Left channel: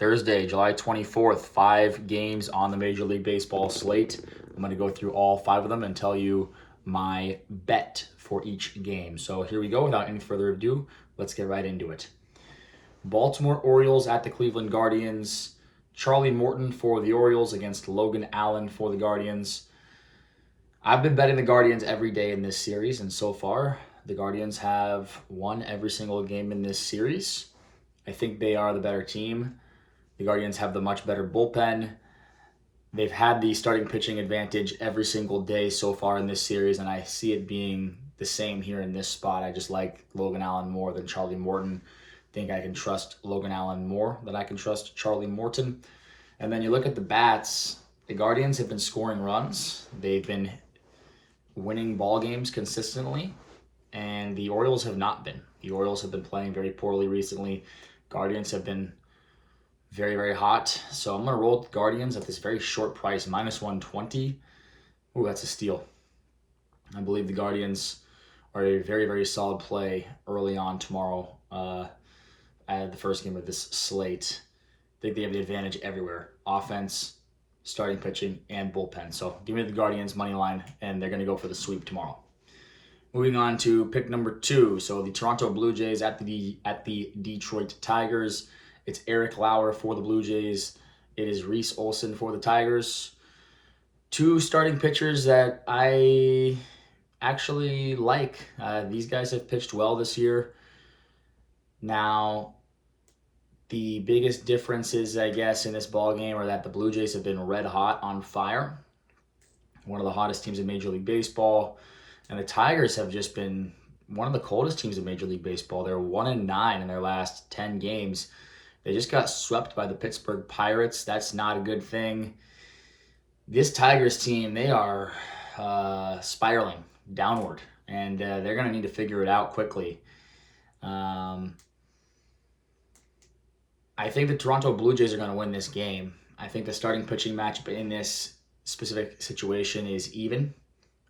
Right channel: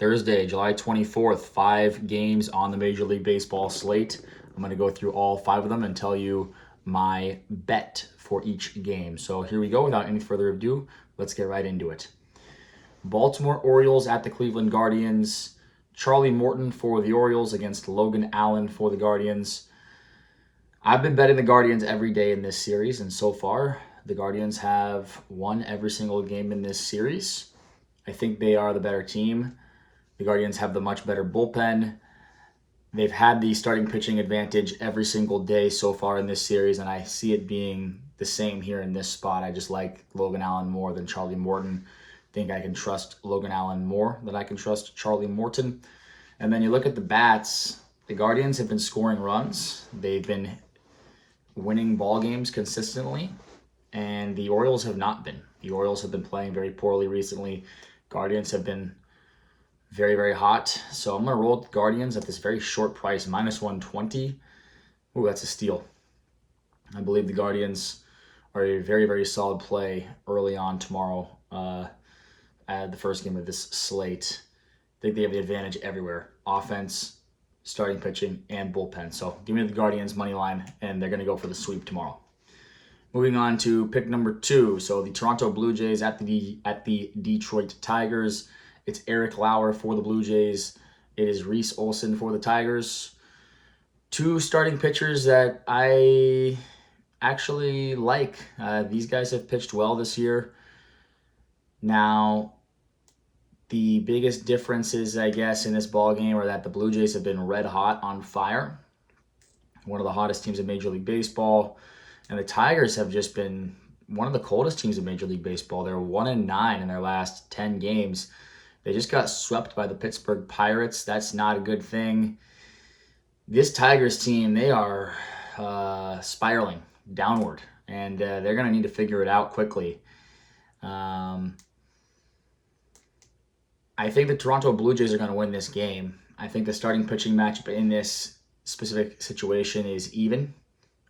Thursday, July 24th, 5 games on the Major League Baseball slate. I'm going to go through all 5 of them and tell you my bet for each game. So here we go. Without any further ado, let's get right into it. Baltimore Orioles at the Cleveland Guardians. Charlie Morton for the Orioles against Logan Allen for the Guardians. I've been betting the Guardians every day in this series, and so far, the Guardians have won every single game in this series. I think they are the better team. The Guardians have the much better bullpen. They've had the starting pitching advantage every single day so far in this series, and I see it being the same here in this spot. I just like Logan Allen more than Charlie Morton. I think I can trust Logan Allen more than I can trust Charlie Morton. And then you look at the bats. The Guardians have been scoring runs. They've been winning ball games consistently, and the Orioles have not been. The Orioles have been playing very poorly recently. Guardians have been very, very hot. So I'm going to roll with the Guardians at this very short price, minus 120. Ooh, that's a steal. I believe the Guardians are a very, very solid play early on tomorrow at the first game of this slate. I think they have the advantage everywhere. Offense, starting pitching, and bullpen. So give me the Guardians money line, and they're going to go for the sweep tomorrow. Moving on to pick number 2. So the Toronto Blue Jays at the Detroit Tigers. It's Eric Lauer for the Blue Jays. It is Reese Olson for the Tigers. 2 starting pitchers that I actually like. These guys have pitched well this year. Now, the biggest differences, I guess, in this ball game are that the Blue Jays have been red hot on fire. One of the hottest teams in Major League Baseball. And the Tigers have just been one of the coldest teams in Major League Baseball. They're 1-9 in their last 10 games. They just got swept by the Pittsburgh Pirates. That's not a good thing. This Tigers team, they are spiraling downward, and they're going to need to figure it out quickly. I think the Toronto Blue Jays are going to win this game. I think the starting pitching matchup in this specific situation is even.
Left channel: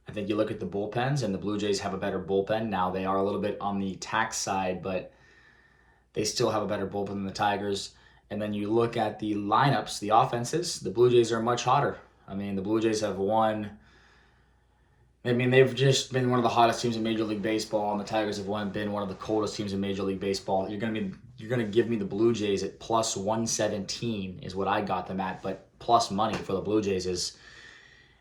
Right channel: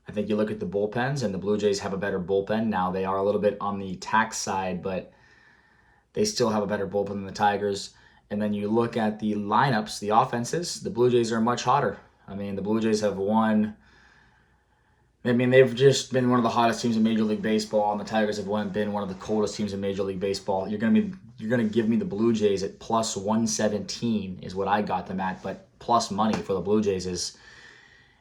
I think you look at the bullpens, and the Blue Jays have a better bullpen. Now, they are a little bit on the tax side, but they still have a better bullpen than the Tigers. And then you look at the lineups, the offenses, the Blue Jays are much hotter. I mean, the Blue Jays have won. I mean, they've just been one of the hottest teams in Major League Baseball, and the Tigers have been one of the coldest teams in Major League Baseball. You're gonna give me the Blue Jays at plus 117 is what I got them at, but plus money for the Blue Jays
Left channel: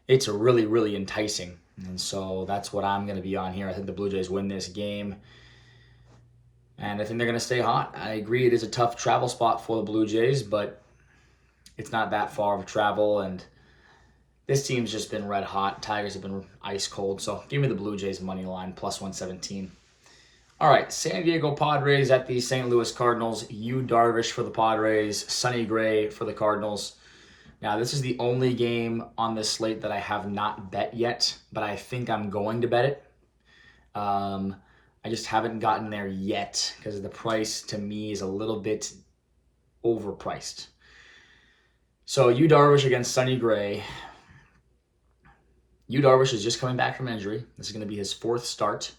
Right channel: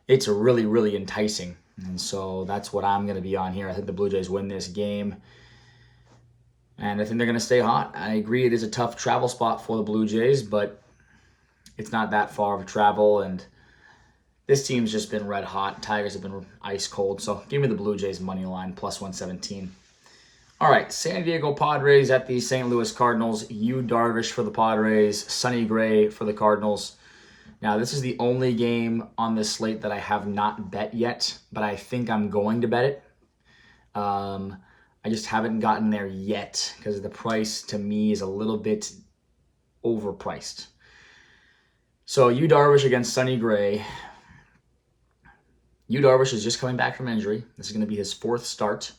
it's really, really enticing. And so that's what I'm going to be on here. I think the Blue Jays win this game, and I think they're going to stay hot. I agree it is a tough travel spot for the Blue Jays, but it's not that far of a travel, and this team's just been red hot. Tigers have been ice cold, so give me the Blue Jays money line, plus 117. All right, San Diego Padres at the St. Louis Cardinals. Yu Darvish for the Padres, Sonny Gray for the Cardinals. Now, this is the only game on this slate that I have not bet yet, but I think I'm going to bet it. I just haven't gotten there yet because the price to me is a little bit overpriced. So, Yu Darvish against Sonny Gray. Yu Darvish is just coming back from injury. This is going to be his 4th start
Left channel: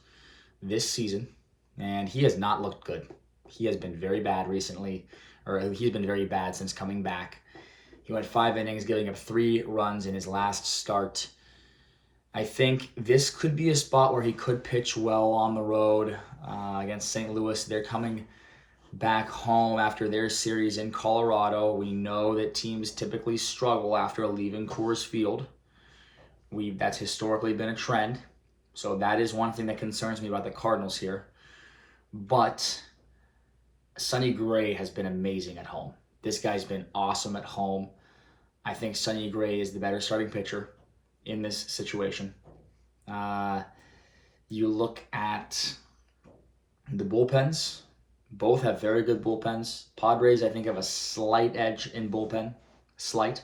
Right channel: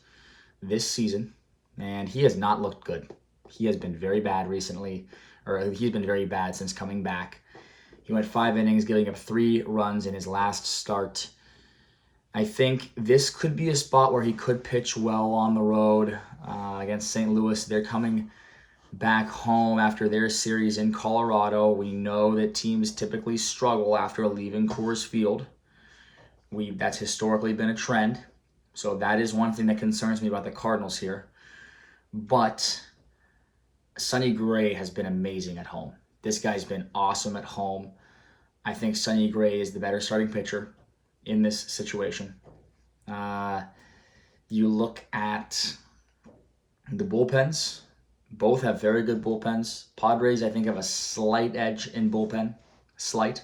this season, and he has not looked good. He has been very bad recently, or he's been very bad since coming back. He went 5 innings, giving up 3 runs in his last start. I think this could be a spot where he could pitch well on the road against St. Louis. They're coming back home after their series in Colorado. We know that teams typically struggle after leaving Coors Field. That's historically been a trend. So that is one thing that concerns me about the Cardinals here. But Sonny Gray has been amazing at home. This guy's been awesome at home. I think Sonny Gray is the better starting pitcher in this situation. You look at the bullpens. Both have very good bullpens. Padres, I think, have a slight edge in bullpen. Slight.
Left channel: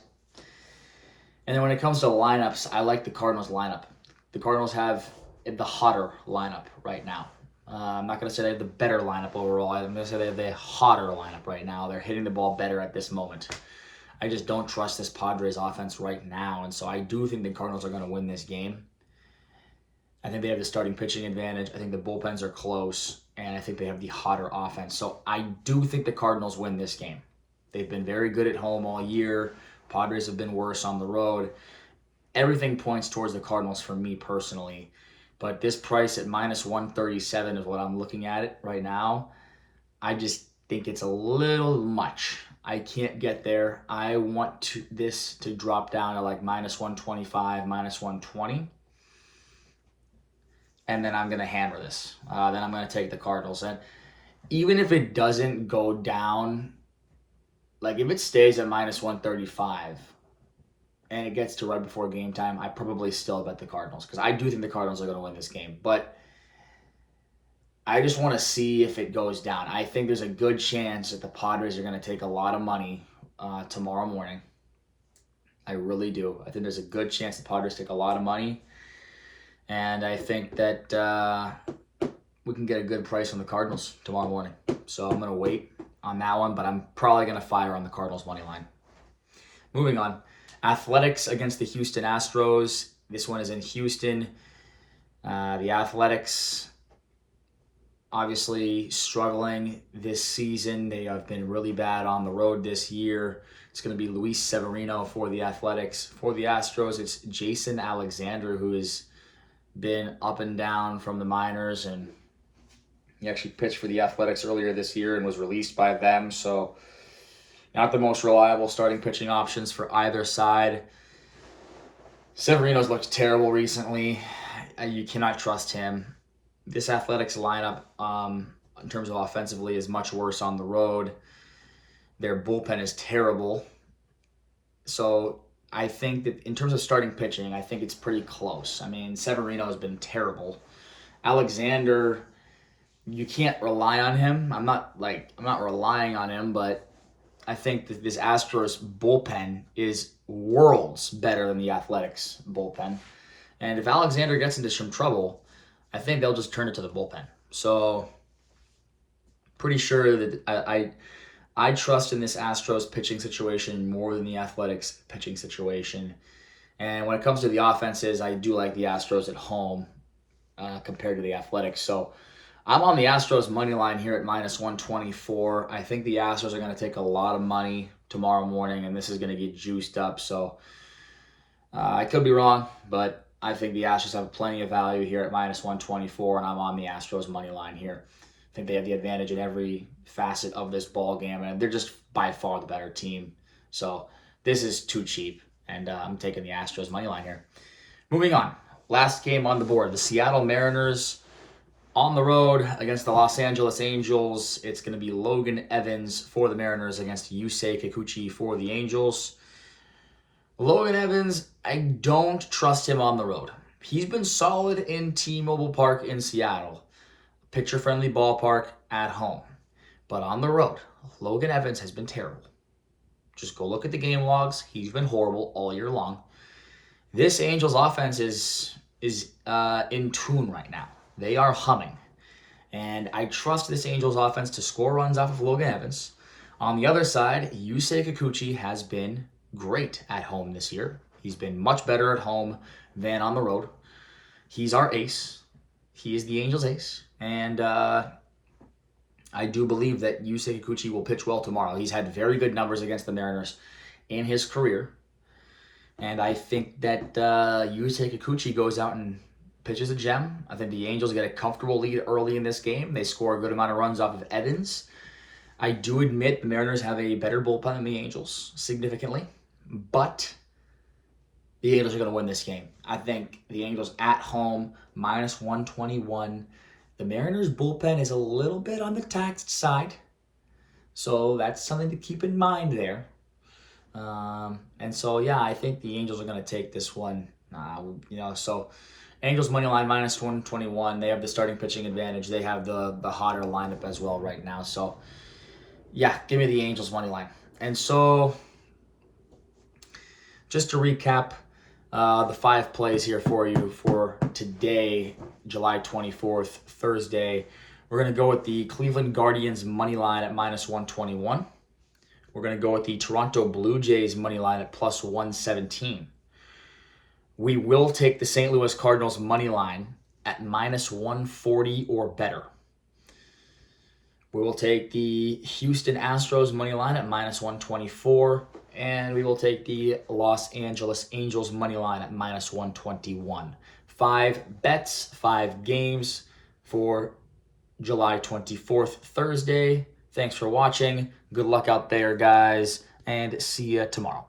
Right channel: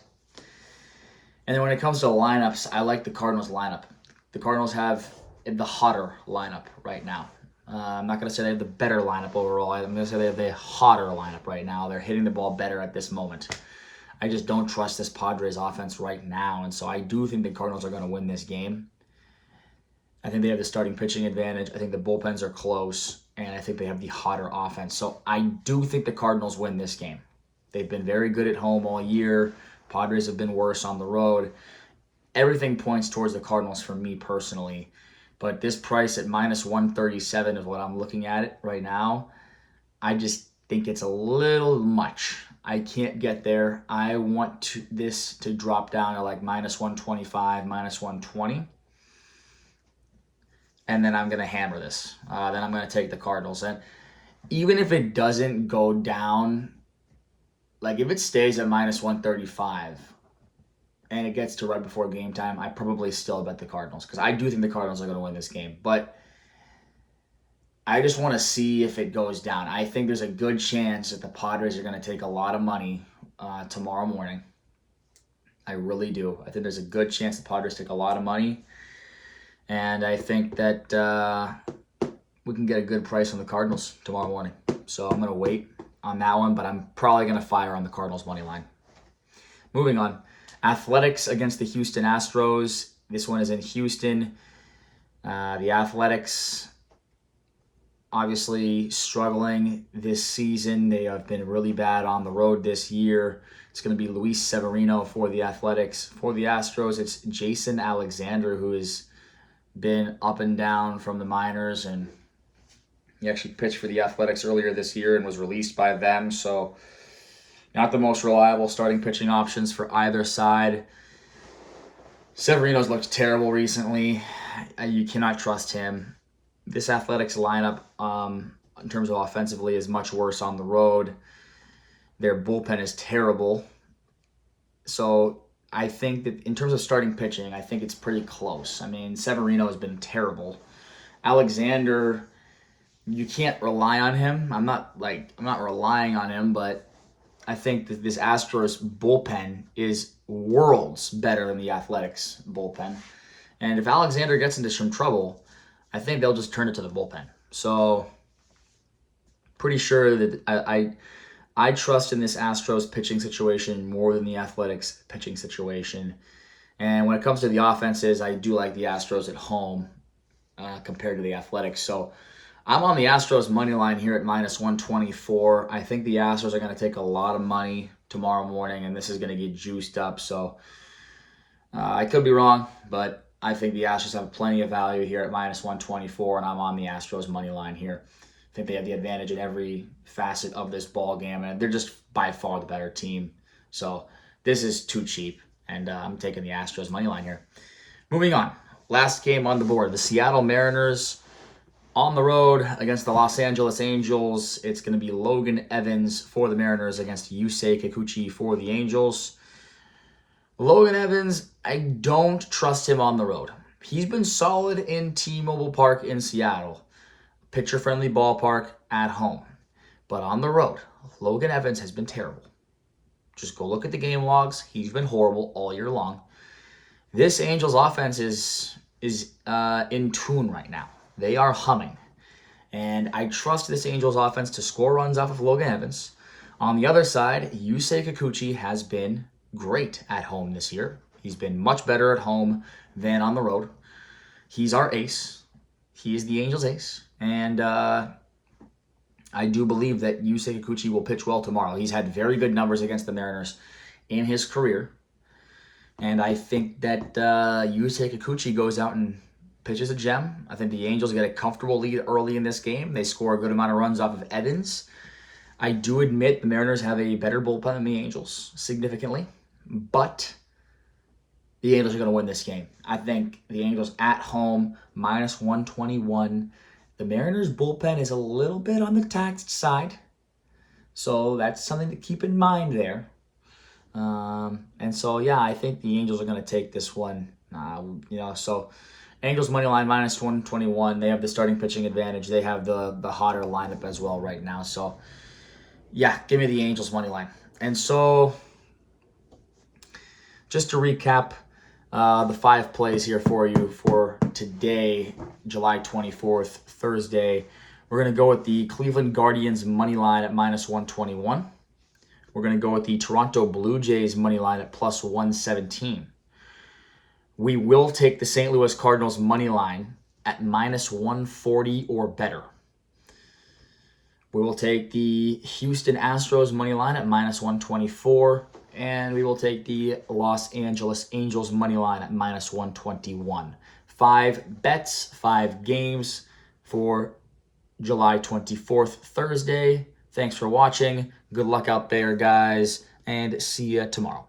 And then when it comes to lineups, I like the Cardinals lineup. The Cardinals have the hotter lineup right now. I'm not going to say they have the better lineup overall. I'm going to say they have the hotter lineup right now. They're hitting the ball better at this moment. I just don't trust this Padres offense right now, and so I do think the Cardinals are going to win this game. I think they have the starting pitching advantage. I think the bullpens are close, and I think they have the hotter offense. So I do think the Cardinals win this game. They've been very good at home all year. Padres have been worse on the road. Everything points towards the Cardinals for me personally. But this price at minus 137 is what I'm looking at it right now. I just think it's a little much. I can't get there. I want this to drop down to like minus 125, minus 120. And then I'm going to hammer this. Then I'm going to take the Cardinals. And even if it doesn't go down, like if it stays at minus 135 and it gets to right before game time, I probably still bet the Cardinals because I do think the Cardinals are going to win this game. But I just want to see if it goes down. I think there's a good chance that the Padres are going to take a lot of money tomorrow morning. I really do. I think there's a good chance the Padres take a lot of money. And I think that we can get a good price on the Cardinals tomorrow morning. So I'm going to wait on that one, but I'm probably going to fire on the Cardinals money line. Moving on. Athletics against the Houston Astros. This one is in Houston. The Athletics obviously struggling this season. They have been really bad on the road this year. It's going to be Luis Severino for the Athletics. For the Astros, it's Jason Alexander, who has been up and down from the minors, and he actually pitched for the Athletics earlier this year and was released by them. So not the most reliable starting pitching options for either side. Severino's looked terrible recently. You cannot trust him. This Athletics lineup, in terms of offensively, is much worse on the road. Their bullpen is terrible. So I think that in terms of starting pitching, I think it's pretty close. I mean, Severino has been terrible. Alexander, you can't rely on him. I'm not relying on him, but I think that this Astros bullpen is worlds better than the Athletics bullpen. And if Alexander gets into some trouble, I think they'll just turn it to the bullpen. So pretty sure that I trust in this Astros pitching situation more than the Athletics pitching situation. And when it comes to the offenses, I do like the Astros at home compared to the Athletics. So I'm on the Astros money line here at minus 124. I think the Astros are going to take a lot of money tomorrow morning, and this is going to get juiced up. So I could be wrong, but I think the Astros have plenty of value here at minus 124, and I'm on the Astros money line here. I think they have the advantage in every facet of this ball game, and they're just by far the better team. So this is too cheap, and I'm taking the Astros money line here. Moving on, last game on the board, the Seattle Mariners on the road against the Los Angeles Angels. It's going to be Logan Evans for the Mariners against Yusei Kikuchi for the Angels. Logan Evans, I don't trust him on the road. He's been solid in T-Mobile Park in Seattle. Pitcher-friendly ballpark at home. But on the road, Logan Evans has been terrible. Just go look at the game logs. He's been horrible all year long. This Angels offense is in tune right now. They are humming. And I trust this Angels offense to score runs off of Logan Evans. On the other side, Yusei Kikuchi has been great at home this year. He's been much better at home than on the road. He's our ace. He is the Angels' ace. And I do believe that Yusei Kikuchi will pitch well tomorrow. He's had very good numbers against the Mariners in his career. And I think that Yusei Kikuchi goes out and pitches a gem. I think the Angels get a comfortable lead early in this game. They score a good amount of runs off of Evans. I do admit the Mariners have a better bullpen than the Angels, significantly. But the Angels are going to win this game. I think the Angels at home, minus 121. The Mariners' bullpen is a little bit on the taxed side. So that's something to keep in mind there. And so, yeah, I think the Angels are going to take this one. So Angels money line minus 121. They have the starting pitching advantage. They have the hotter lineup as well right now. So, yeah, give me the Angels money line. And so, just to recap the 5 plays here for you for today, July 24th, Thursday. We're going to go with the Cleveland Guardians money line at minus 121. We're going to go with the Toronto Blue Jays money line at plus 117. We will take the St. Louis Cardinals money line at minus 140 or better. We will take the Houston Astros money line at -124. And we will take the Los Angeles Angels money line at -121. 5 bets, 5 games for July 24th, Thursday. Thanks for watching. Good luck out there, guys, and see you tomorrow.